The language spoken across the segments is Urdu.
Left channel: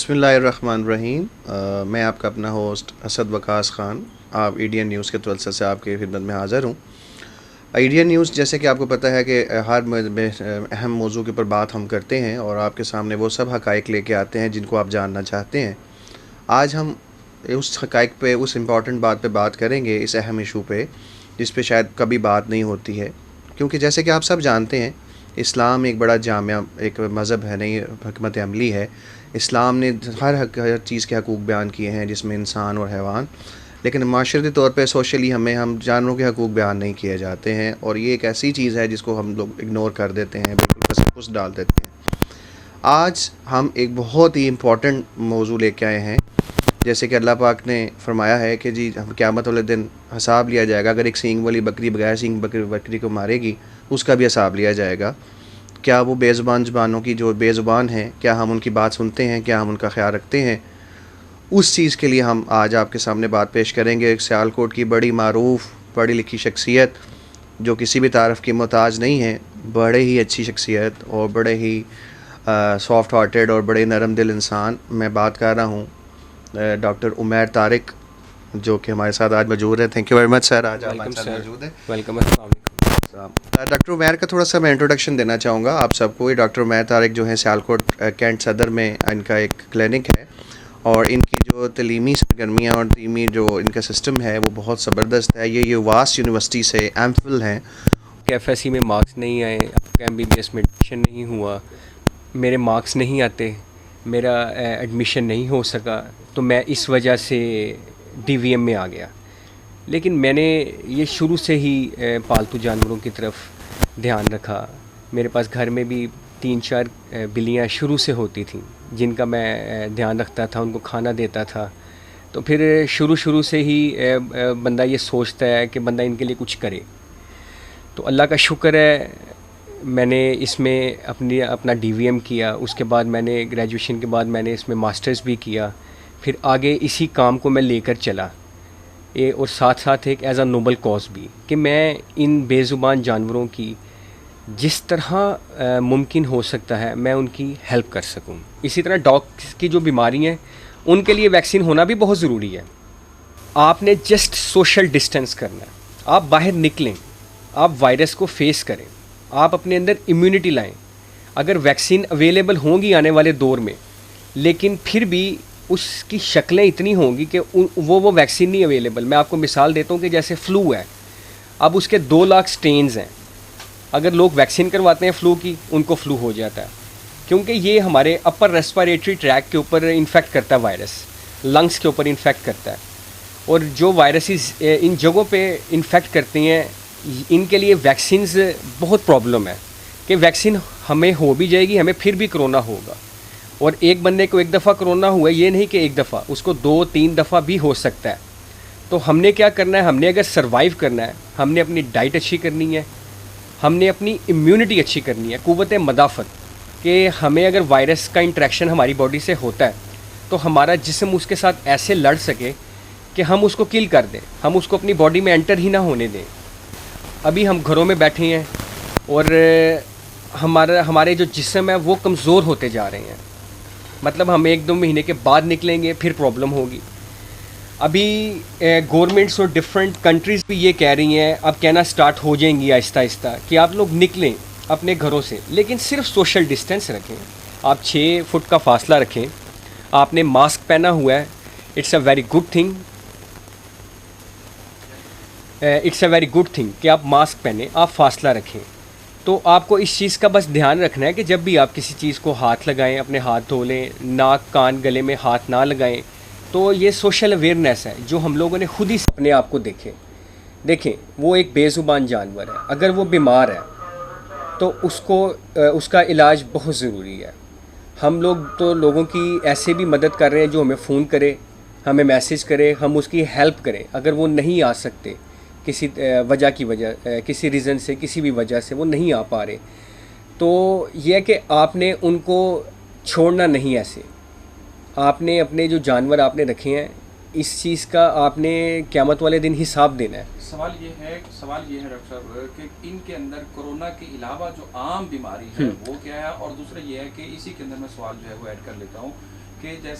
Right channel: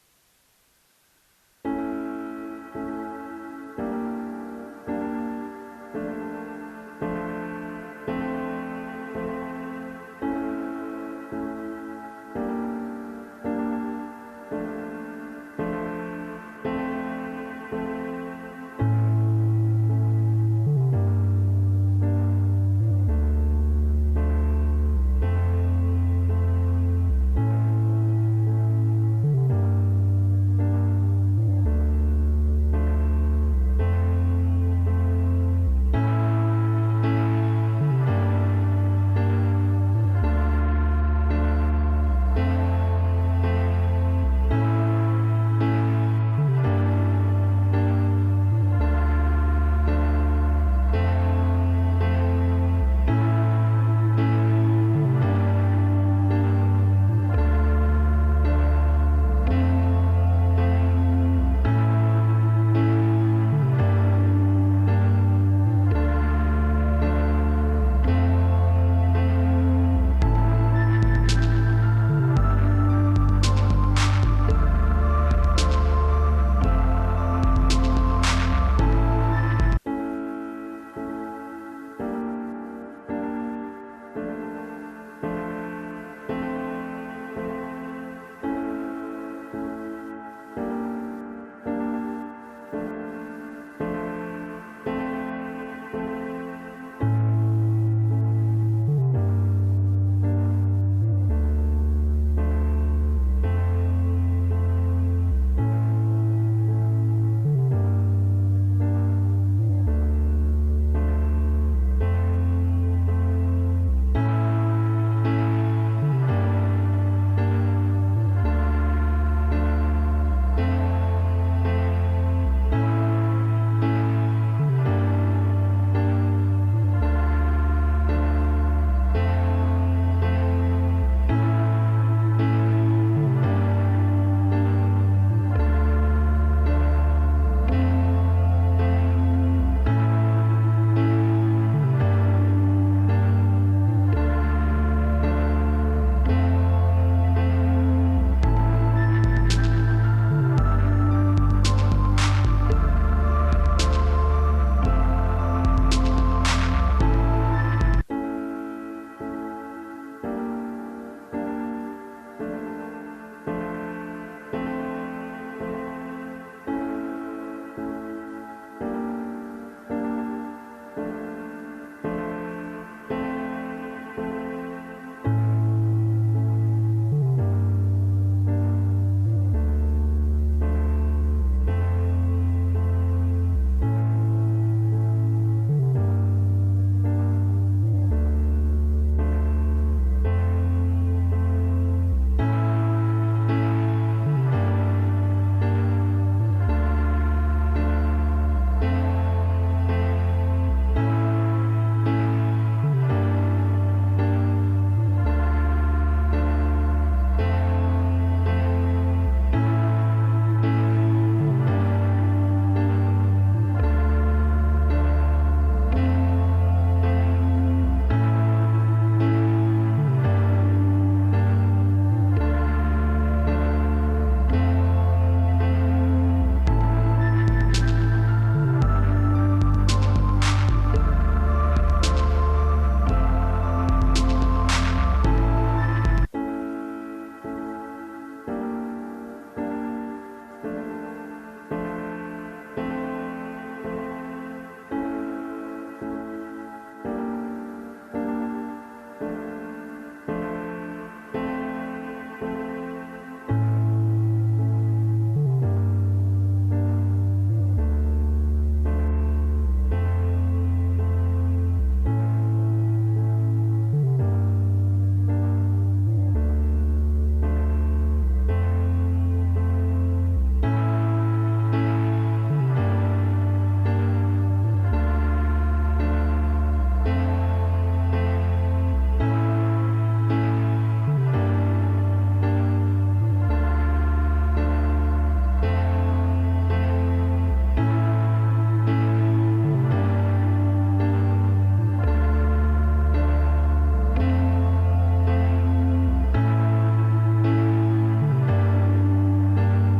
بسم اللہ الرحمن الرحیم۔ میں آپ کا اپنا ہوسٹ اسد وقاص خان، آپ ایڈین نیوز کے توسط سے آپ کی خدمت میں حاضر ہوں۔ ایڈین نیوز جیسے کہ آپ کو پتہ ہے کہ ہر اہم موضوع کے اوپر بات ہم کرتے ہیں اور آپ کے سامنے وہ سب حقائق لے کے آتے ہیں جن کو آپ جاننا چاہتے ہیں۔ آج ہم اس حقائق پہ، اس امپورٹنٹ بات پہ بات کریں گے، اس اہم ایشو پہ جس پہ شاید کبھی بات نہیں ہوتی ہے، کیونکہ جیسے کہ آپ سب جانتے ہیں اسلام ایک بڑا جامع ایک مذہب ہے، نہیں حکمت عملی ہے۔ اسلام نے ہر چیز کے حقوق بیان کیے ہیں، جس میں انسان اور حیوان، لیکن معاشرتی طور پہ سوشلی ہم جانوروں کے حقوق بیان نہیں کیے جاتے ہیں، اور یہ ایک ایسی چیز ہے جس کو ہم لوگ اگنور کر دیتے ہیں، تصوف ڈال دیتے ہیں۔ آج ہم ایک بہت ہی امپورٹنٹ موضوع لے کے آئے ہیں، جیسے کہ اللہ پاک نے فرمایا ہے کہ جی قیامت والے دن حساب لیا جائے گا۔ اگر ایک سینگ والی بکری بغیر سینگ بکری کو مارے گی، اس کا بھی حساب لیا جائے گا۔ کیا وہ بے زبانوں کی جو بے زبان ہیں، کیا ہم ان کی بات سنتے ہیں، کیا ہم ان کا خیال رکھتے ہیں؟ اس چیز کے لیے ہم آج آپ کے سامنے بات پیش کریں گے۔ ایک سیالکوٹ کی بڑی معروف پڑھی لکھی شخصیت جو کسی بھی تعارف کی محتاج نہیں ہے، بڑے ہی اچھی شخصیت اور بڑے ہی سافٹ ہارٹیڈ اور بڑے نرم دل انسان، میں بات کر رہا ہوں ڈاکٹر عمیر طارق، جو کہ ہمارے ساتھ آج موجود ہے۔ تھینک یو ویری مچ سر، آج ہمارے ساتھ موجود ہیں۔ ویلکم۔ ڈاکٹر عمیر کا تھوڑا سا میں انٹروڈکشن دینا چاہوں گا آپ سب کو۔ یہ ڈاکٹر عمیر طارق جو ہیں سیالکوٹ کینٹ صدر میں ان کا ایک کلینک ہے، اور ان کی جو تعلیمی سرگرمیاں اور تعلیمی جو ان کا سسٹم ہے وہ بہت زبردست ہے۔ یہ واس یونیورسٹی سے ایم فل ہیں۔ ایف ایس سی میں مارکس نہیں آئے، ایم بی بی ایس میں ایڈمیشن نہیں ہوا، میرے مارکس نہیں آتے، میرا ایڈمیشن نہیں ہو سکا، تو میں اس وجہ سے ڈی وی ایم میں آ گیا۔ لیکن میں نے یہ شروع سے ہی پالتو جانوروں کی طرف دھیان رکھا۔ میرے پاس گھر میں بھی 3-4 بلیاں شروع سے ہوتی تھیں جن کا میں دھیان رکھتا تھا، ان کو کھانا دیتا تھا۔ تو پھر شروع سے ہی بندہ یہ سوچتا ہے کہ بندہ ان کے لیے کچھ کرے۔ تو اللہ کا شکر ہے، میں نے اس میں اپنا ڈی وی ایم کیا۔ اس کے بعد میں نے گریجویشن کے بعد میں نے اس میں ماسٹرز بھی کیا۔ پھر آگے اسی کام کو میں لے کر چلا، اور ساتھ ساتھ ایک ایز اے نوبل کاز بھی، کہ میں ان بے زبان جانوروں کی جس طرح ممکن ہو سکتا ہے میں ان کی ہیلپ کر سکوں۔ اسی طرح ڈاگس کی جو بیماری ہیں ان کے لیے ویکسین ہونا بھی بہت ضروری ہے۔ آپ نے جسٹ سوشل ڈسٹینس کرنا، آپ باہر نکلیں، آپ وائرس کو فیس کریں، آپ اپنے اندر امیونٹی لائیں۔ اگر ویکسین اویلیبل ہوں گی آنے والے دور میں، لیکن پھر بھی اس کی شکلیں اتنی ہوں گی کہ وہ ویکسین نہیں اویلیبل۔ میں آپ کو مثال دیتا ہوں کہ جیسے فلو ہے، اب اس کے 2 لاکھ سٹینز ہیں۔ اگر لوگ ویکسین کرواتے ہیں فلو کی، ان کو فلو ہو جاتا ہے، کیونکہ یہ ہمارے اپر ریسپیریٹری ٹریک کے اوپر انفیکٹ کرتا ہے وائرس، لنگس کے اوپر انفیکٹ کرتا ہے، اور جو وائرسز ان جگہوں پہ انفیکٹ کرتے ہیں ان کے لیے ویکسینز بہت پرابلم ہے، کہ ویکسین ہمیں ہو بھی جائے گی، ہمیں پھر بھی کرونا ہوگا۔ اور ایک بندے کو ایک دفعہ کرونا ہوا، یہ نہیں کہ ایک دفعہ، اس کو 2-3 دفعہ بھی ہو سکتا ہے۔ تو ہم نے کیا کرنا ہے؟ ہم نے اگر سروائیو کرنا ہے، ہم نے اپنی ڈائٹ اچھی کرنی ہے، ہم نے اپنی امیونٹی اچھی کرنی ہے، قوت مدافعت، کہ ہمیں اگر وائرس کا انٹریکشن ہماری باڈی سے ہوتا ہے تو ہمارا جسم اس کے ساتھ ایسے لڑ سکے کہ ہم اس کو کل کر دیں، ہم اس کو اپنی باڈی میں انٹر ہی نہ ہونے دیں۔ ابھی ہم گھروں میں بیٹھے ہیں اور ہمارے جو جسم ہے وہ کمزور ہوتے جا رہے ہیں، مطلب ہم 1-2 مہینے کے بعد نکلیں گے پھر پرابلم ہوگی۔ ابھی گورنمنٹس اور ڈفرینٹ کنٹریز بھی یہ کہہ رہی ہیں، اب کہنا سٹارٹ ہو جائیں گی آہستہ آہستہ، کہ آپ لوگ نکلیں اپنے گھروں سے، لیکن صرف سوشل ڈسٹینس رکھیں، آپ 6 فٹ کا فاصلہ رکھیں، آپ نے ماسک پہنا ہوا ہے، it's a very good thing کہ آپ ماسک پہنیں، آپ فاصلہ رکھیں۔ تو آپ کو اس چیز کا بس دھیان رکھنا ہے کہ جب بھی آپ کسی چیز کو ہاتھ لگائیں، اپنے ہاتھ دھو لیں، ناک کان گلے میں ہاتھ نہ لگائیں۔ تو یہ سوشل اویئرنیس ہے جو ہم لوگوں نے خود ہی اپنے آپ کو دیکھیں وہ ایک بے زبان جانور ہے، اگر وہ بیمار ہے تو اس کا علاج بہت ضروری ہے۔ ہم لوگ تو لوگوں کی ایسے بھی مدد کر رہے ہیں جو ہمیں فون کرے، ہمیں میسیج کرے، ہم اس کی ہیلپ کریں۔ اگر وہ نہیں آ سکتے کسی کسی ریزن سے، کسی بھی وجہ سے وہ نہیں آ پا رہے، تو یہ کہ آپ نے ان کو چھوڑنا نہیں ایسے۔ آپ نے اپنے جو جانور آپ نے رکھے ہیں، اس چیز کا آپ نے قیامت والے دن حساب دینا ہے۔ سوال یہ ہے ڈاکٹر صاحب کہ ان کے اندر کورونا کے علاوہ جو عام بیماری ہے وہ کیا ہے، اور دوسرا یہ ہے کہ اسی کے اندر میں سوال جو ہے وہ ایڈ کر دیتا ہوں کہ جیسے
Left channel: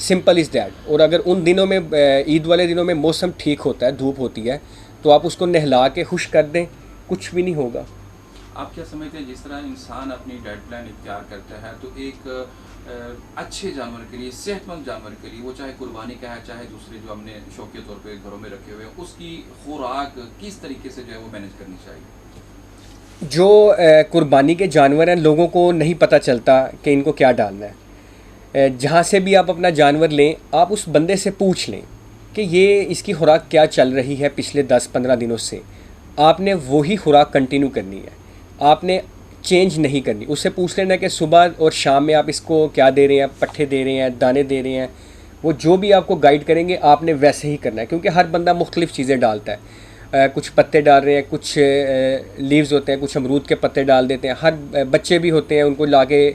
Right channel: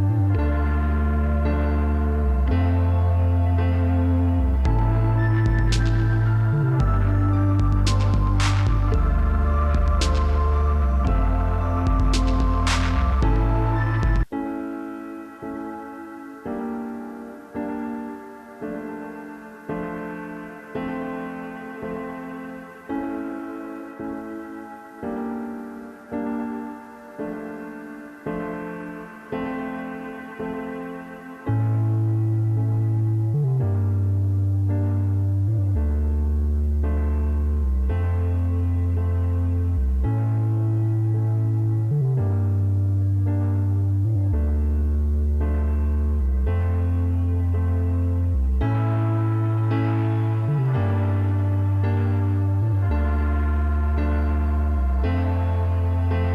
سمپل از دیٹ. اور اگر ان دنوں میں عید والے دنوں میں موسم ٹھیک ہوتا ہے, دھوپ ہوتی ہے, تو آپ اس کو نہلا کے خشک کر دیں, کچھ بھی نہیں ہوگا. آپ کیا سمجھتے ہیں جس طرح انسان اپنی ویٹ پلان اختیار کرتا ہے تو ایک اچھے جانور کے لیے, صحت مند جانور کے لیے, وہ چاہے قربانی کا ہے چاہے دوسرے جو ہم نے شوق کے طور پہ گھروں میں رکھے ہوئے, اس کی خوراک کس طریقے سے جو ہے وہ مینیج کرنی چاہیے؟ جو قربانی کے جانور ہیں, لوگوں کو نہیں پتہ چلتا کہ ان کو کیا ڈالنا ہے. جہاں سے بھی آپ اپنا جانور لیں, آپ اس بندے سے پوچھ لیں کہ یہ اس کی خوراک کیا چل رہی ہے پچھلے 10-15 دنوں سے. آپ نے وہی خوراک کنٹینیو کرنی ہے, آپ نے چینج نہیں کرنی. اس سے پوچھ لینا کہ صبح اور شام میں آپ اس کو کیا دے رہے ہیں, پٹھے دے رہے ہیں, دانے دے رہے ہیں. وہ جو بھی آپ کو گائیڈ کریں گے آپ نے ویسے ہی کرنا ہے, کیونکہ ہر بندہ مختلف چیزیں ڈالتا ہے. کچھ پتے ڈال رہے ہیں, کچھ لیوز ہوتے ہیں, کچھ امرود کے پتے ڈال دیتے ہیں. ہر بچے بھی ہوتے ہیں, ان کو لا کے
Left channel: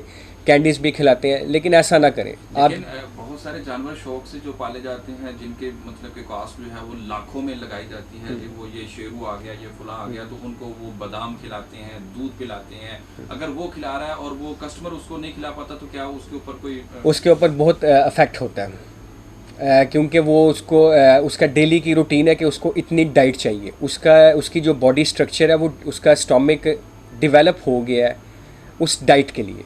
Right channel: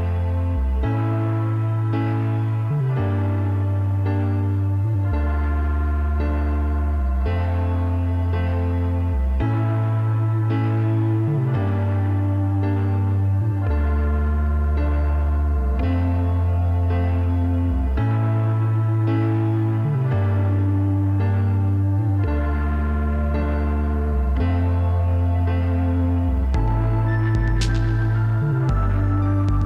کینڈیز بھی کھلاتے ہیں, لیکن ایسا نہ کریں آپ. سارے جانور شوق سے جو پالے جاتے ہیں جن کے مطلب کہ کاسٹ جو ہے وہ لاکھوں میں لگائی جاتی ہے, جن کو یہ شیرو آ گیا, یہ فلاں آ گیا, تو ان کو بادام کھلاتے ہیں, دودھ پلاتے ہیں. اگر وہ کھلا رہا ہے اور وہ کسٹمر اس کو نہیں کھلا پاتا تو کیا اس کے اوپر کوئی اس کے اوپر بہت افیکٹ ہوتا ہے, کیونکہ وہ اس کا ڈیلی کی روٹین ہے کہ اس کو اتنی ڈائٹ چاہیے. اس کی جو باڈی سٹرکچر ہے وہ اس کا اسٹامک ڈیولپ ہو گیا ہے اس ڈائٹ کے لیے.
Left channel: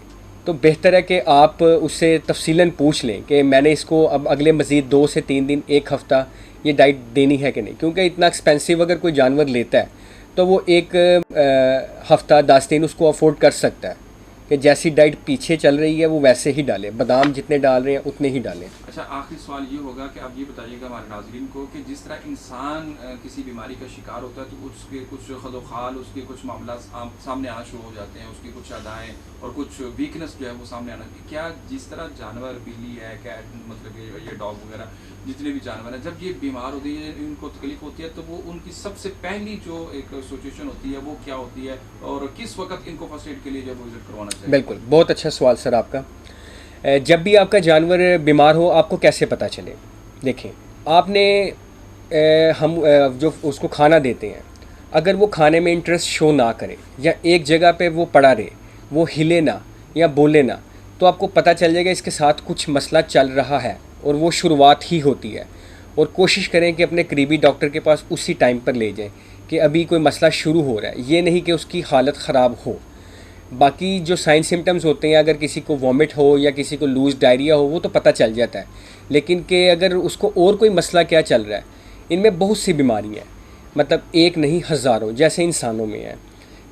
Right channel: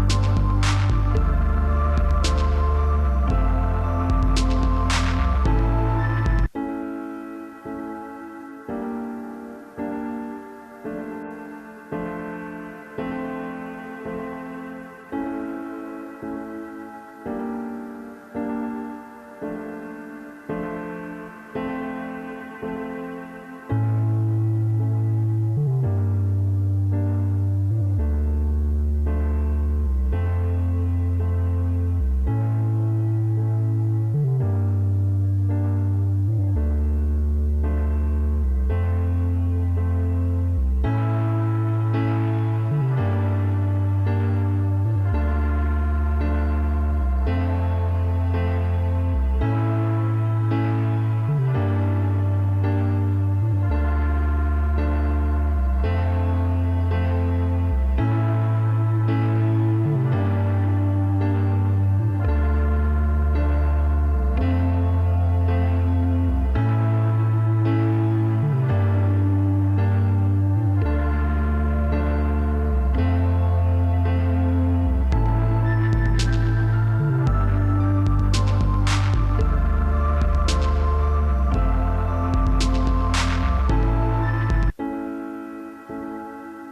تو بہتر ہے کہ آپ اس سے تفصیلاً پوچھ لیں کہ میں نے اس کو اب اگلے مزید 2 سے 3 دن, 1 ہفتہ یہ ڈائٹ دینی ہے کہ نہیں. کیونکہ اتنا ایکسپینسو اگر کوئی جانور لیتا ہے تو وہ 1 ہفتہ 10 دن اس کو افورڈ کر سکتا ہے کہ جیسی ڈائٹ پیچھے چل رہی ہے وہ ویسے ہی ڈالے, بادام جتنے ڈال رہے ہیں اتنے ہی ڈالیں. اچھا, آخری سوال یہ ہوگا کہ آپ یہ بتائیے گا ہمارے ناظرین کو کہ جس طرح انسان کسی بیماری کا شکار ہوتا ہے تو اس کے کچھ خد و خال, اس کے کچھ معاملات سامنے آنا شروع ہو جاتے ہیں, اس کی کچھ ادائیں اور کچھ ویکنس جو ہے وہ سامنے آنا چاہیے. کیا جس طرح جانور بلی ہے, کیٹ, مطلب یہ ڈاگ وغیرہ جتنے بھی جانور ہیں, جب یہ بیمار ہوتے ہیں, ان کو تکلیف ہوتی ہے, تو وہ ان کی سب سے پہلی جو ایک سچویشن ہوتی ہے وہ کیا ہوتی ہے اور کس وقت ان کو فرسٹ ایڈ کے لیے جو وزٹ کروانا چاہیے؟ بالکل, بہت اچھا سوال سر آپ کا. جب بھی آپ کا جانور بیمار ہو آپ کو کیسے پتہ چلے؟ دیکھیں, آپ نے ہم جو اس کو کھانا دیتے ہیں, اگر وہ کھانے میں انٹرسٹ شو نہ کرے یا ایک جگہ پہ وہ پڑا رہے, وہ ہلے نہ یا بولے نہ, تو آپ کو پتہ چل جائے گا اس کے ساتھ کچھ مسئلہ چل رہا ہے اور وہ شروعات ہی ہوتی ہے. اور کوشش کریں کہ اپنے قریبی ڈاکٹر کے پاس اسی ٹائم پر لے جائیں کہ ابھی کوئی مسئلہ شروع ہو رہا ہے, یہ نہیں کہ اس کی حالت خراب ہو. باقی جو سائن سمٹمز ہوتے ہیں, اگر کسی کو وامٹ ہو یا کسی کو لوز ڈائریا ہو وہ تو پتہ چل جاتا ہے, لیکن کہ اگر اس کو اور کوئی مسئلہ کیا چل رہا ہے, ان میں بہت سی بیماری ہیں, مطلب ایک نہیں ہزاروں جیسے انسانوں میں ہیں.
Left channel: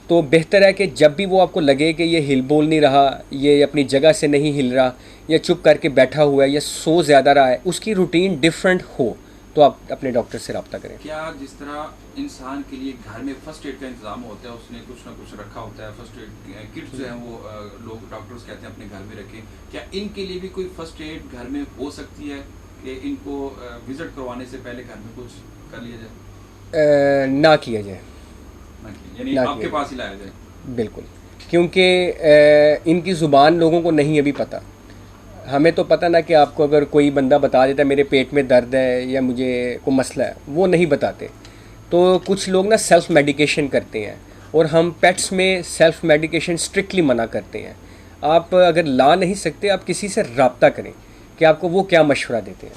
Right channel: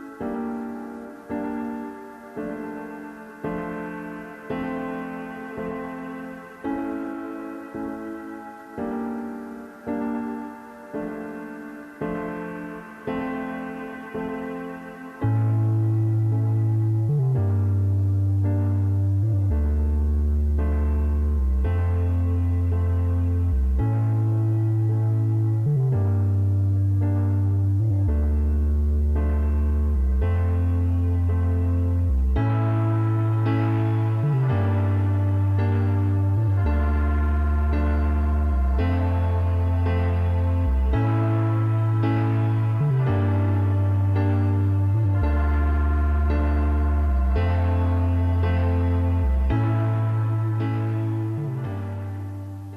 تو بہتر ہے کہ جب بھی وہ آپ کو لگے کہ یہ ہل بول نہیں رہا, یہ اپنی جگہ سے نہیں ہل رہا, یا چپ کر کے بیٹھا ہوا ہے, یا سو زیادہ رہا ہے, اس کی روٹین ڈفرینٹ ہو, تو آپ اپنے ڈاکٹر سے رابطہ کریں. کیا جس طرح انسان کے لیے گھر میں فرسٹ ایڈ کا انتظام ہوتا ہے, اس نے کچھ نہ کچھ رکھا ہوتا ہے, فرسٹ ایڈ کٹس جو ہیں وہ لوگ ڈاکٹرز کہتے ہیں اپنے گھر میں رکھیں, کیا ان کے لیے بھی کوئی فرسٹ ایڈ گھر میں ہو سکتی ہے کہ ان کو وزٹ کروانے سے پہلے گھر میں کچھ کر لیا جائے؟ نہ کیا جائے, یعنی آپ کے پاس ہی لایا جائے. بالکل, کیونکہ ان کی زبان لوگوں کو نہیں ابھی پتہ. ہمیں تو پتہ نہ کہ آپ کو اگر کوئی بندہ بتا دیتا ہے میرے پیٹ میں درد ہے یا مجھے کوئی مسئلہ ہے, وہ نہیں بتاتے. تو کچھ لوگ نا سیلف میڈیکیشن کرتے ہیں, اور ہم پیٹس میں سیلف میڈیکیشن اسٹرکٹلی منع کرتے ہیں. آپ اگر لا نہیں سکتے, آپ کسی سے رابطہ کریں کہ آپ کو وہ کیا مشورہ دیتے ہیں.